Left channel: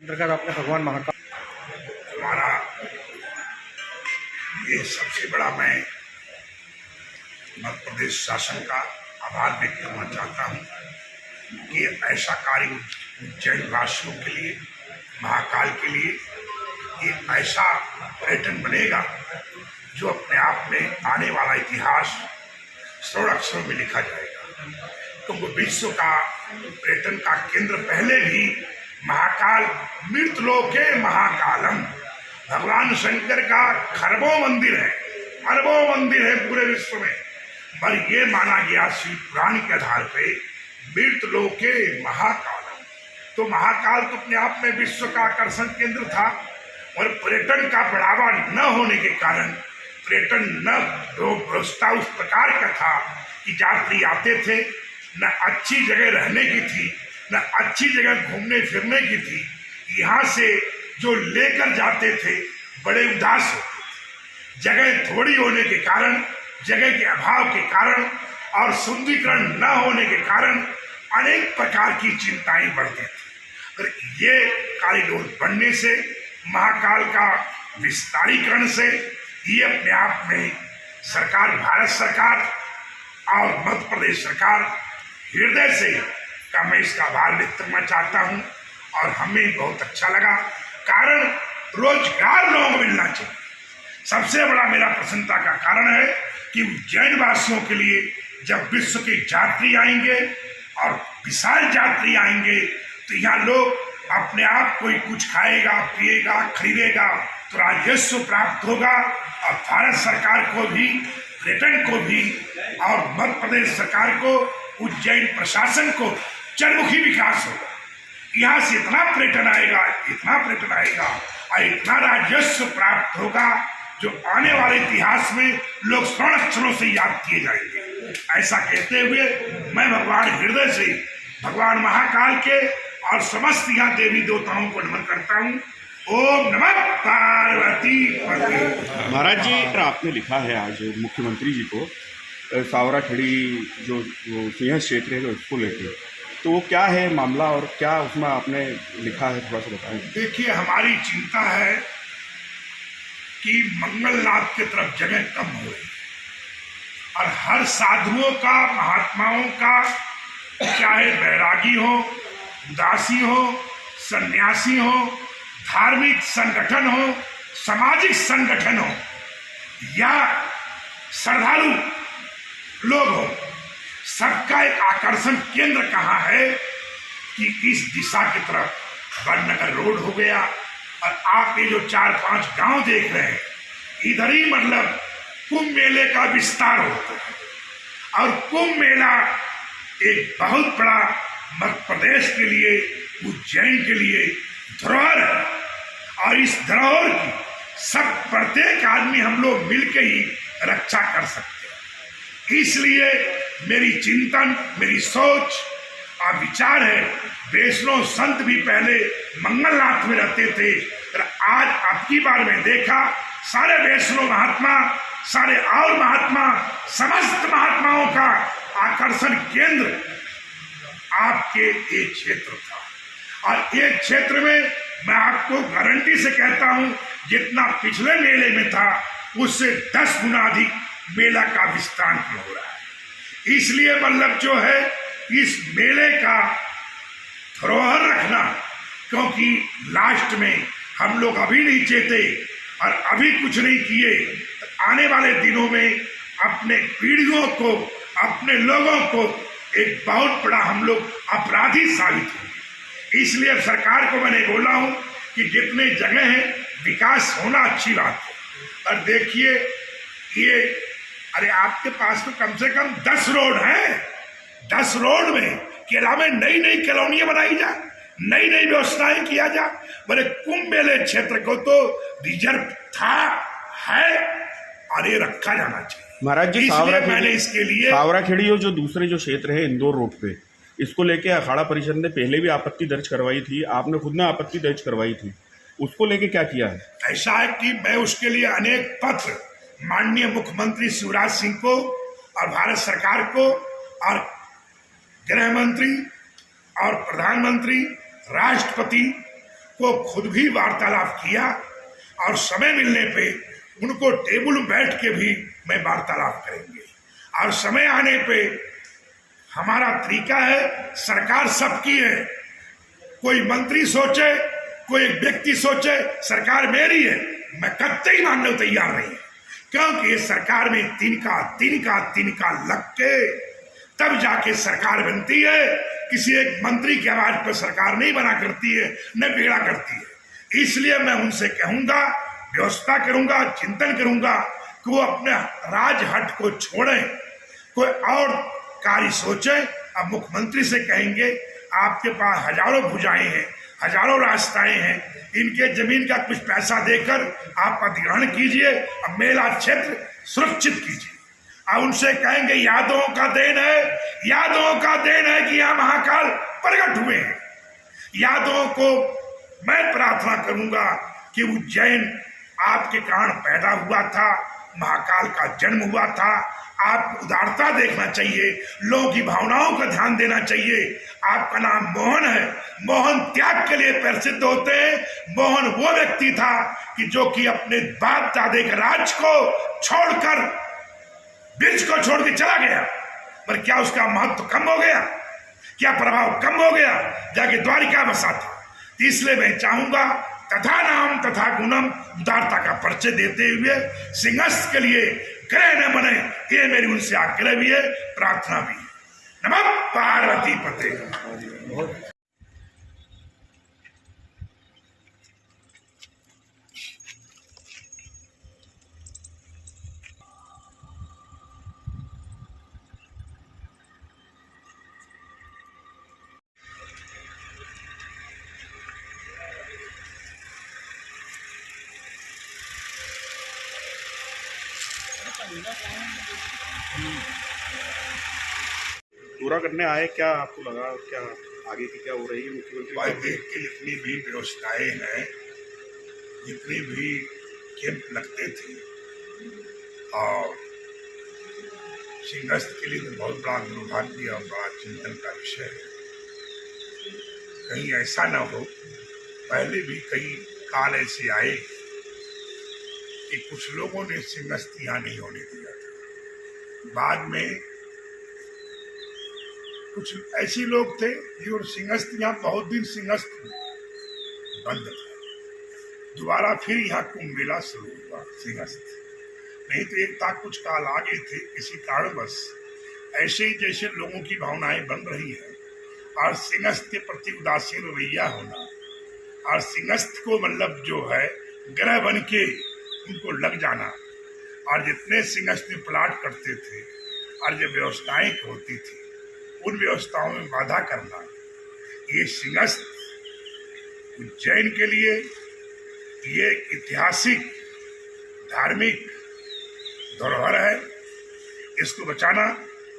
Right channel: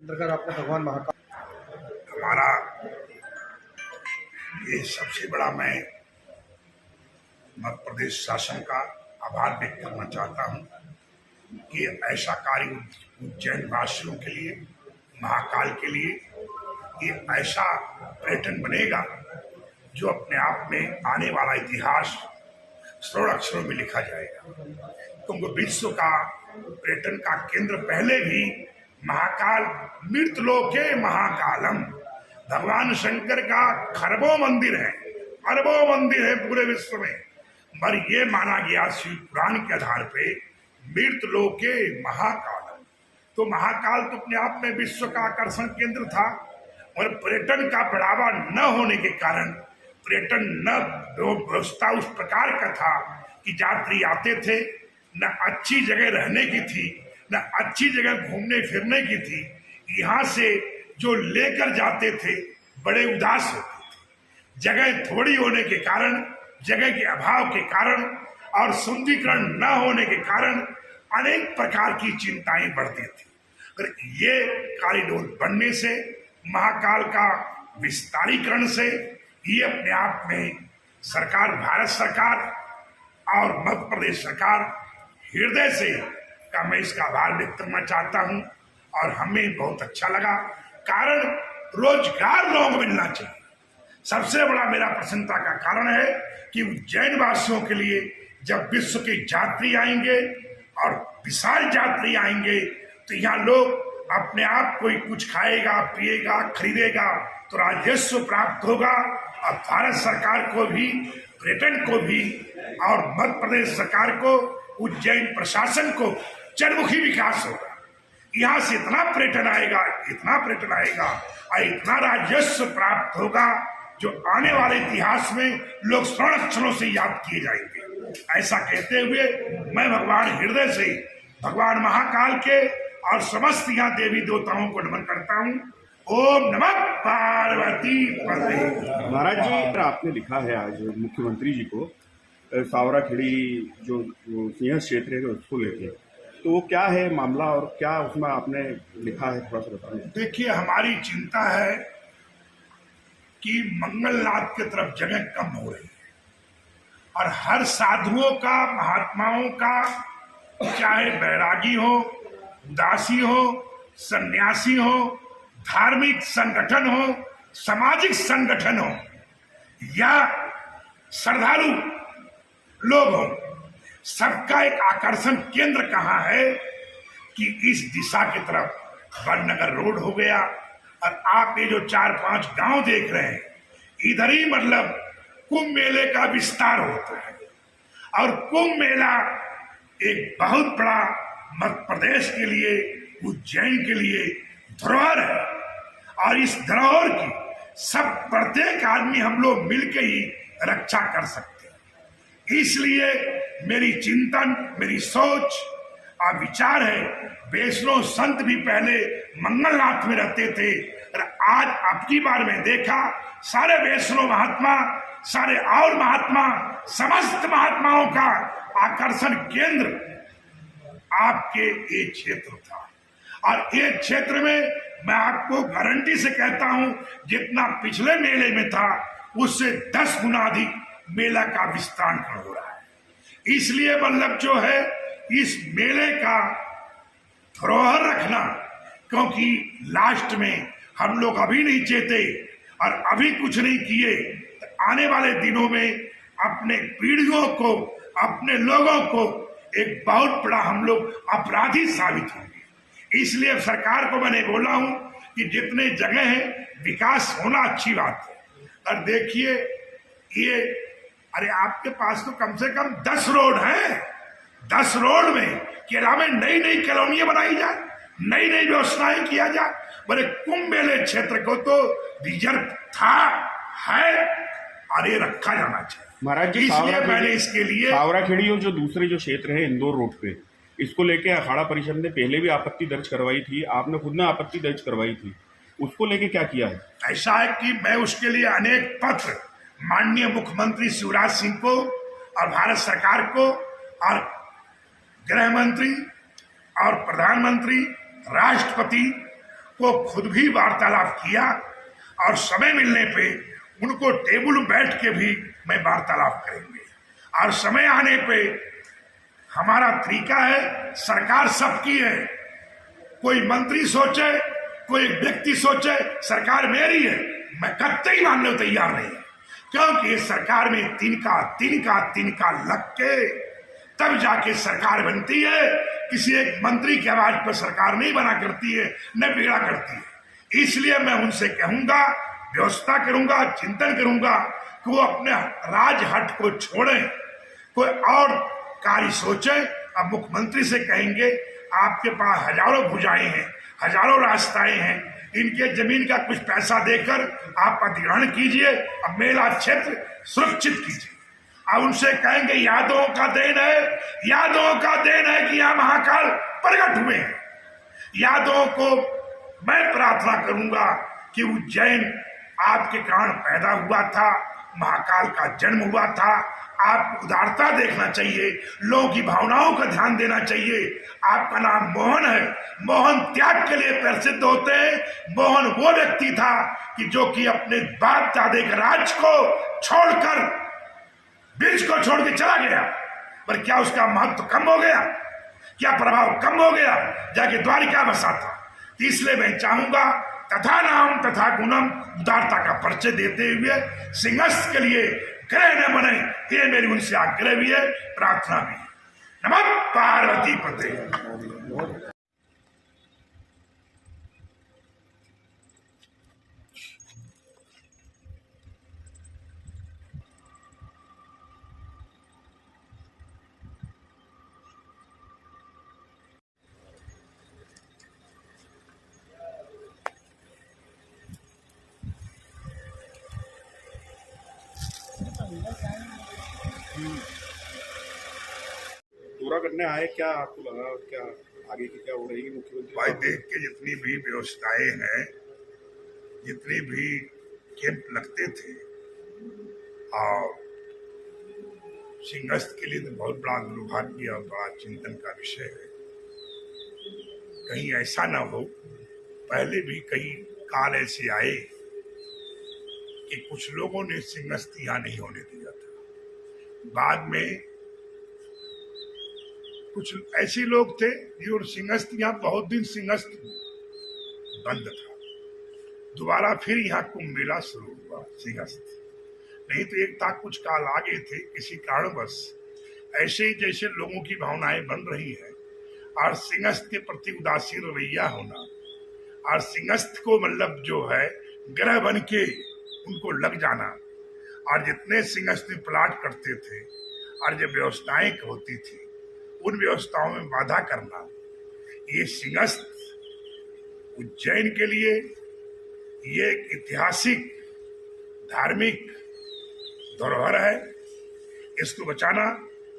आपने भगवान महाकाल हमारा ये सबसे बड़ा मैं मध्य प्रदेश शासन का आभार व्यक्त करना चाहता हूँ कि ऐसा कार्य उज्जैन वासियों के लिए, महाकाल के लिए ये ऐसा पर्यटन बनेगा जो अपने आप में आने वाला इतिहास स्वर्ण अक्षरों में लिखा जाएगा। क्योंकि विश्व का पर्यटन का केंद्र पहले भी महाकाल, मृतलोके महाकालम, भगवान शंकर का खरबों मंदिर है, अरबों मंदिर है पूरे विश्व में, पर ये माना गया शिव पुराण के आधार पे मृतलोके महाकालम। तो महाकाल तो अपने आप में विश्व का आकर्षण केंद्र था और पर्यटन का बढ़ावा न होने के कारण पर्यटन न व्यवस्था उस प्रकार का था कि यात्री आते थे, न अच्छी जगह रहने की थी, न अच्छी जगह घूमने फिरने की थी। यहाँ से जो लेकर जाते थे बड़े उदास होते थे। जगह थोड़ी होने के कारण, जगह के अभाव के कारण और सुंदरीकरण न होने के कारण अनेक प्रकार की चिंताएं बढ़ती थी। पर ये कॉरिडोर बनने से, महाकाल का विस्तारीकरण से, ये अपने आप में सरकार, भारत सरकार और मध्य प्रदेश सरकार हृदय से का मैं इसका आभार व्यक्त करना चाहता हूँ। और हमें बहुत अच्छा लगा, कारण रोजगार लोगों को मिलना चाहिए। सबसे बड़ा मेरा प्रसन्नता का कारण है कि उज्जैन वासियों के लिए जब विश्व के यात्री आएंगे और विशाल यात्री आएंगे तो यहाँ लोग अपने आप कोई कुछ खाएगा, पिएगा, खरीदेगा तो राजस्व प्राप्त होगा और भारत सरकार को भी, पर्यटन को भी और मध्य प्रदेश सरकार को, उज्जैन प्रशासन को चरमुखी विकास होगा। यहाँ से इतना पर्यटन आएगा, इतना पर्यटन आएगा और इतना राजस्व प्राप्त होगा जो आने वाले इतिहास में लोग स्वर्ण अक्षरों से याद किए जाएंगे। ऐसा कहते हुए मैं भगवान हृदय से भगवान महाकाल के और समस्त यहाँ देवी देवताओं को नमन करता हूँ। ओम नमः पार्वती पते। महाराज जी, आपने लिखा है आज मुख्यमंत्री जी को सावराखेड़ी जो सिंह क्षेत्र है उसको लेके, तो वो क्या है मामला और क्या उसमें आपने लिखा है, थोड़ा सा बताएं। देखिए, हमारी चिंता है कि मंगलनाथ की तरफ जगह कम हो रही है और हर साधुओं का, महात्माओं का, चाहे बैरागी हो, दासी हो, सन्यासी हो, धार्मिक संगठन हो, सामाजिक संगठन हो या श्रद्धालु लोग हो, सबका एक आकर्षण केंद्र कहाँ है कि इस दिशा की तरफ वडनगर रोड हो गया। और आप ये जो 4-5 गांव देख रहे हैं, इधर ही मतलब कुंभ मेले का विस्तार होता है। और कुंभ मेला एक बहुत बड़ा मध्य प्रदेश के लिए, उज्जैन के लिए धरोहर है और इस धरोहर की सब प्रत्येक आदमी हम लोग मिलकर ही रक्षा कर सकते हैं। इसलिए मेरी चिंतन, मेरी सोच और विचार है, वैष्णव संत भी पहले मंगलनाथ में रहते थे और आज अब की बार में देखा सारे वैष्णव महात्मा, सारे और महात्मा, समस्त महात्माओं का आकर्षण केंद्र आपके एक क्षेत्र था। और एक क्षेत्र में मैं आपको गारंटी से कहता हूं, जितना पिछले मेले में था उससे 10 गुना अधिक मेला का विस्तार हो रहा है। इसलिए मतलब जो है इस मेले का धरोहर रखना, क्योंकि लास्ट में हम लोग अभी नहीं चेते और अभी कुछ नहीं किए तो आने वाले दिनों में अपने पीढ़ियों को, अपने लोगों को एक बहुत बड़ा हम लोग अपराधी साबित होंगे। इसलिए अब सरकार को मैंने बोला हूं कि जितने जगह है विकास होना अच्छी बात है। और देखिए ये, अरे आपके पास तो कम से कम 10 रोड हैं। 10 रोड में केरला में नई नई कॉलोनियां बनाई जाए, नई नई व्यवस्थाएं किया जाए। बड़े कुंभ मेले क्षेत्र को तो रिजर्व था, है और ये रखा जाना चाहिए। महाराज जी, इसलिए मैंने इसके लिए सावराखेड़ी और जो दूसरे जो क्षेत्र है इंदौर रोड पे, इसको लेके अखाड़ा परिषद ने पहले भी आपत्ति दर्ज करवाई थी, आपने खुद ने आपत्ति दर्ज करवाई थी, उसको लेके क्या किया है? ऐसा है कि मैं उसके लिए अनेक पत्र माननीय मुख्यमंत्री शिवराज सिंह को और भारत सरकार को और गृह मंत्री और प्रधानमंत्री, राष्ट्रपति को खुद भी वार्तालाप किया और समय मिलने पे उनको टेबल में बैठ के भी मैं वार्तालाप करेंगे। और समय आने पे हमारा तरीका है, सरकार सबकी है, कोई मंत्री सोचे, कोई व्यक्ति सोचे सरकार मेरी है, मैं कतई मानने को तैयार नहीं है, क्योंकि इस सरकार में तिनका लग के तब जाके सरकार बनती है। किसी एक मंत्री की आवाज पर सरकार नहीं बना करती है, न बिगड़ा करती है। इसलिए मैं उनसे कहूंगा, व्यवस्था करूंगा, चिंतन करूंगा कि वो अपने राजहट को छोड़ें, कोई और कार्य सोचे। अब मुख्यमंत्री से कहेंगे आपके पास हजारों भुजाएं हैं, हजारों रास्ताएं हैं, इनके जमीन का कुछ पैसा देकर आप अधिग्रहण कीजिए, अब मेला क्षेत्र सुरक्षित कीजिए। अब उनसे कहेंगे यादवों का देन है, यादवों का देन है कि यहाँ महाकाल प्रकट हुए हैं। यादवों को मैं प्रार्थना करूंगा कि उज्जैन आपके कारण पैदा हुआ था, महाकाल का जन्म हुआ था। आप उदारता देखना चाहिए, लोगों की भावनाओं का ध्यान देना चाहिए। आपका नाम मोहन है, मोहन त्याग के लिए प्रसिद्ध होते हैं। मोहन वो व्यक्ति था कि जो कि अपने बाप दादे के राज को छोड़कर, ब्रिज को छोड़ के चला गया, पर क्या उसका महत्व कम हो गया? क्या प्रभाव कम हो गया? जाके द्वारिका बसा था। इसलिए मैं चाहूंगा तथा नाम तथा गुणम, उदारता का परिचय देते हुए सिंहस्थ के लिए ग्रह न बने, ये मेरी उनसे आग्रह भी है, प्रार्थना भी है। नमः पार्वती पते। पूरा करने आए, क्या आपको लगा, क्या आगे की क्या हो रही है मुख्यमंत्री? भाई देख के जितनी भी व्यवस्थाएं हैं, जितने भी कैंप लगते थे, और सिंहस्थ के लिए तो बहुत बड़ा दुर्भाग्य और बड़ा चिंतन का विषय है। कहीं ऐसा ना हो, पहले भी कई काल ऐसे आए कि कुछ लोगों ने सिंहस्थ यहाँ नहीं होने दिया था। बाद में कुछ ऐसे लोग थे जो सिंहस्थ, यहाँ बहुत दिन सिंहस्थ बंद था, दोबारा फिर यहाँ कुंभ मेला शुरू हुआ सिंहस्थ। नहीं तो एक था, कुछ काल आगे थे, किसी कारणवश ऐसे ही जैसे लोगों की भावनाएं बन रही हैं और सिंहस्थ के प्रति उदासीन रवैया होना, और सिंहस्थ को मतलब जो है ग्रह बन के उनको लग जाना, और जितने सिंहस्थ में प्लाट करते थे और जब व्यवस्थाएं होती थी उन व्यवस्थाओं में बाधा करना, ये सिंहस्थ उज्जैन के लिए ये ऐतिहासिक धार्मिक धरोहर है। इसको बचाना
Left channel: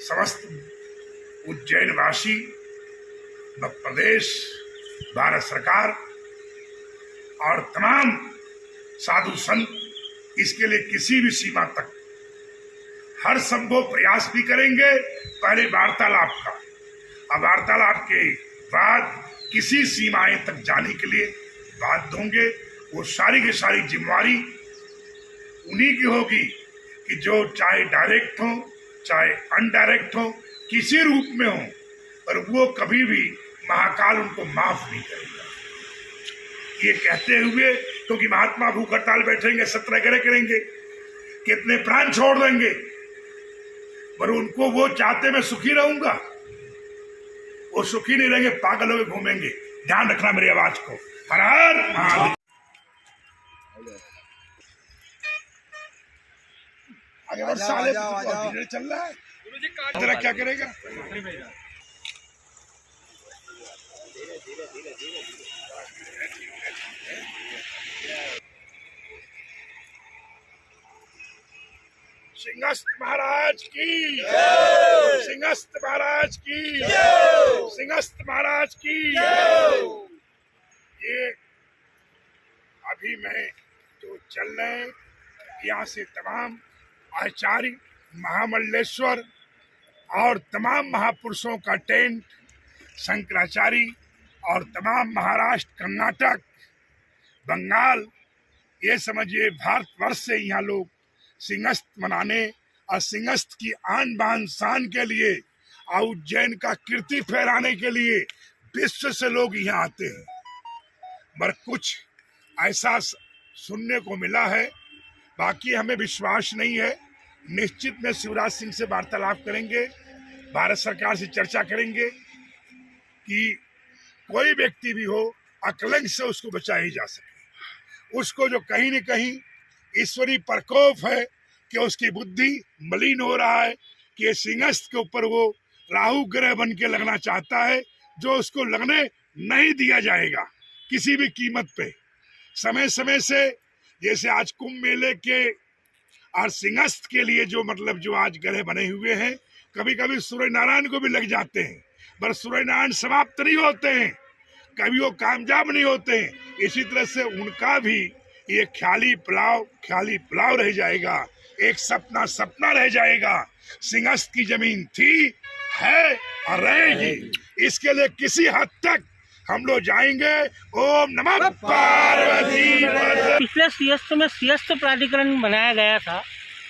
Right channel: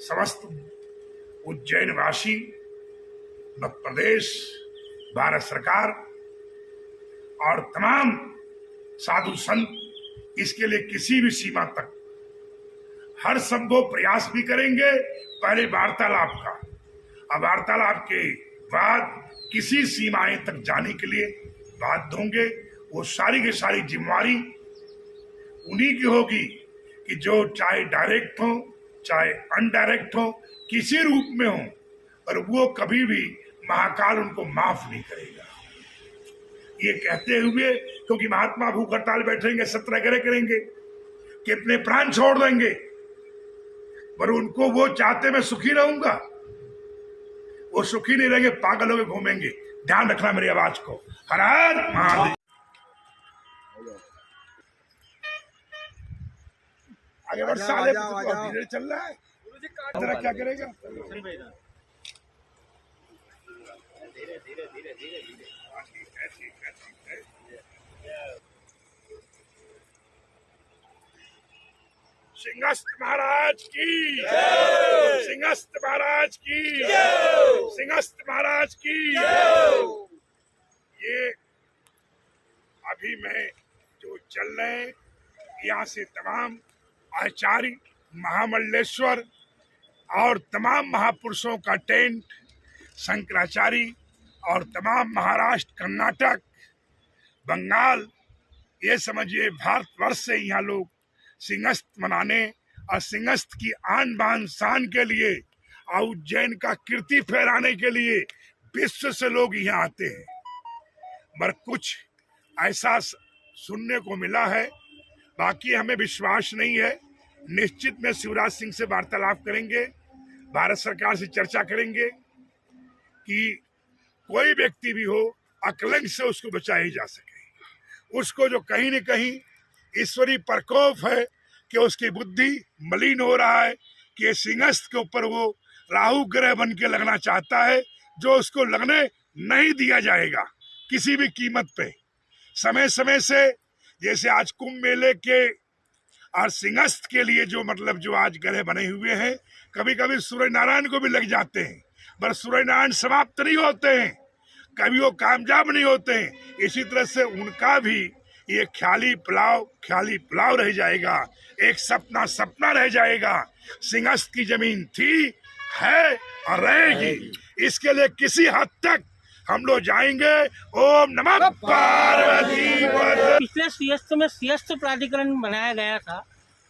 समस्त उज्जैन वासी, मध्य प्रदेश, भारत सरकार और तमाम साधु संत इसके लिए किसी भी सीमा तक हर संभव प्रयास भी करेंगे। पहले वार्तालाप का, अब वार्तालाप के बाद किसी सीमाएं तक जाने के लिए बाध्य होंगे। वो सारी की सारी जिम्मेवारी उन्हीं की होगी कि जो चाहे डायरेक्ट हो चाहे अनडायरेक्ट हो, किसी रूप में हो, पर वो कभी भी महाकाल उनको माफ नहीं करेगा। ये कहते हुए, क्योंकि महात्मा भूख हड़ताल बैठेंगे, सत्याग्रह करेंगे, कितने प्राण छोड़ देंगे, पर उनको वो चाहते मैं सुखी रहूंगा, वो सुखी नहीं रहेंगे, पागल होकर घूमेंगे। ध्यान रखना मेरी आवाज को। हर हर महादेव। आगे बढ़ साले, धीरे चल रहा है, जरा क्या करेगा। सिंहस्थ महाराज की, सिंहस्थ महाराज की, सिंहस्थ महाराज की। ये अभी मैं जो चल रहे हैं, यहाँ से तमाम आचार्य, महामंडलेश्वर और तमाम महापुरुषों का टेंट, शंकराचार्य और तमाम महाराष्ट्र, कर्नाटक बंगाल, ये समझिए भारतवर्ष से यहाँ लोग सिंहस्थ मनाने और सिंहस्थ की आन बान शान के लिए और उज्जैन का कीर्ति फहराने के लिए विश्व से लोग यहाँ आते हैं। पर कुछ ऐसा सुनने को मिला है, बाकी हमें विश्वास नहीं है। निश्चित में शिवराज सिंह से वार्तालाप करेंगे, भारत सरकार से चर्चा करेंगे कि कोई व्यक्ति भी हो अकलंक से उसको बचाया जा सके। उसको जो कहीं न कहीं ईश्वरीय प्रकोप है कि उसकी बुद्धि मलिन हो रहा है कि सिंहस्थ के ऊपर वो राहु ग्रह बन के लगना चाहता है, जो उसको लगने नहीं दिया जाएगा किसी भी कीमत पे। समय समय से जैसे आज कुंभ मेले के और सिंहस्थ के लिए जो मतलब जो आज ग्रह बने हुए हैं, कभी कभी सूर्य नारायण को भी लग जाते हैं, पर सूर्य नारायण समाप्त नहीं होते हैं, कभी वो कामयाब नहीं होते हैं। इसी तरह से उनका भी ये ख्याली पुलाव रह जाएगा, एक सपना रह जाएगा। सिंहस्थ की जमीन थी, है और रहेगी। इसके लिए किसी हद तक हम लोग जाएंगे। ओम नमः पार्वती। पिछले सिंहस्थ में सिंहस्थ प्राधिकरण बनाया गया था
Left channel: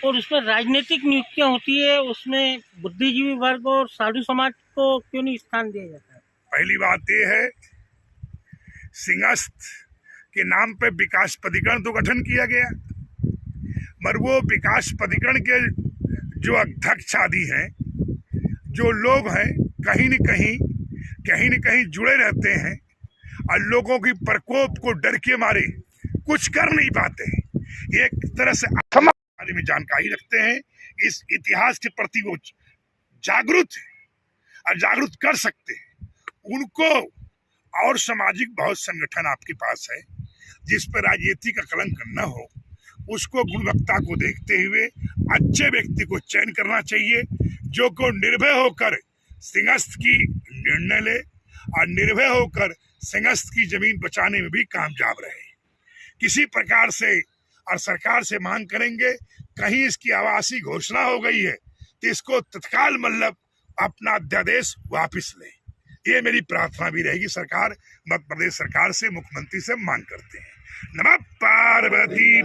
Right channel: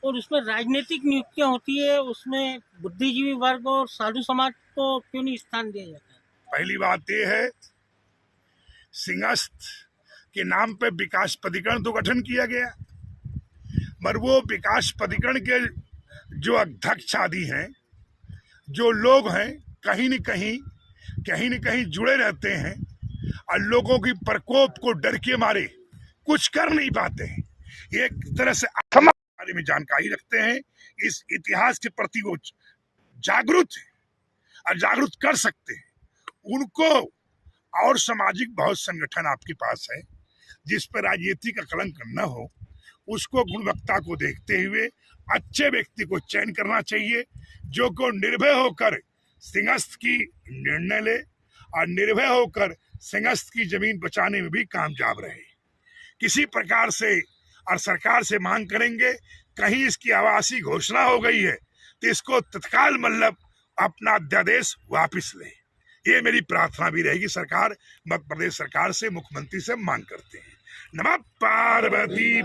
और उसमें राजनीतिक नियुक्तियां होती है, उसमें बुद्धिजीवी वर्ग और साधु समाज को क्यों नहीं स्थान दिया जाता है? पहली बात यह है, सिंहस्थ के नाम पे विकास प्राधिकरण तो गठन किया गया, पर वो विकास प्राधिकरण के जो अध्यक्ष आदि हैं, जो लोग हैं, कहीं न कहीं जुड़े रहते हैं और लोगों की प्रकोप को डर के मारे कुछ कर नहीं पाते। एक तरह से बारे में जानकारी रखते हैं, इस इतिहास के प्रति वो जागरूक है और जागरूक कर सकते हैं उनको। और सामाजिक बहुत संगठन आपके पास है जिस पर राजनीति का कलंक न हो, उसको गुणवत्ता को देखते हुए अच्छे व्यक्ति को चयन करना चाहिए, जो को निर्भय होकर सिंहस्थ की निर्णय ले और निर्भय होकर सिंहस्थ की जमीन बचाने में भी कामयाब रहे। किसी प्रकार से और सरकार से मांग करेंगे, कहीं इसकी आवासीय घोषणा हो गई है तो इसको तत्काल मतलब अपना अध्यादेश वापस ले। ये मेरी प्रार्थना भी रहेगी। सरकार, मध्य प्रदेश सरकार से, मुख्यमंत्री से मांग करते हैं। नमः पार्वती।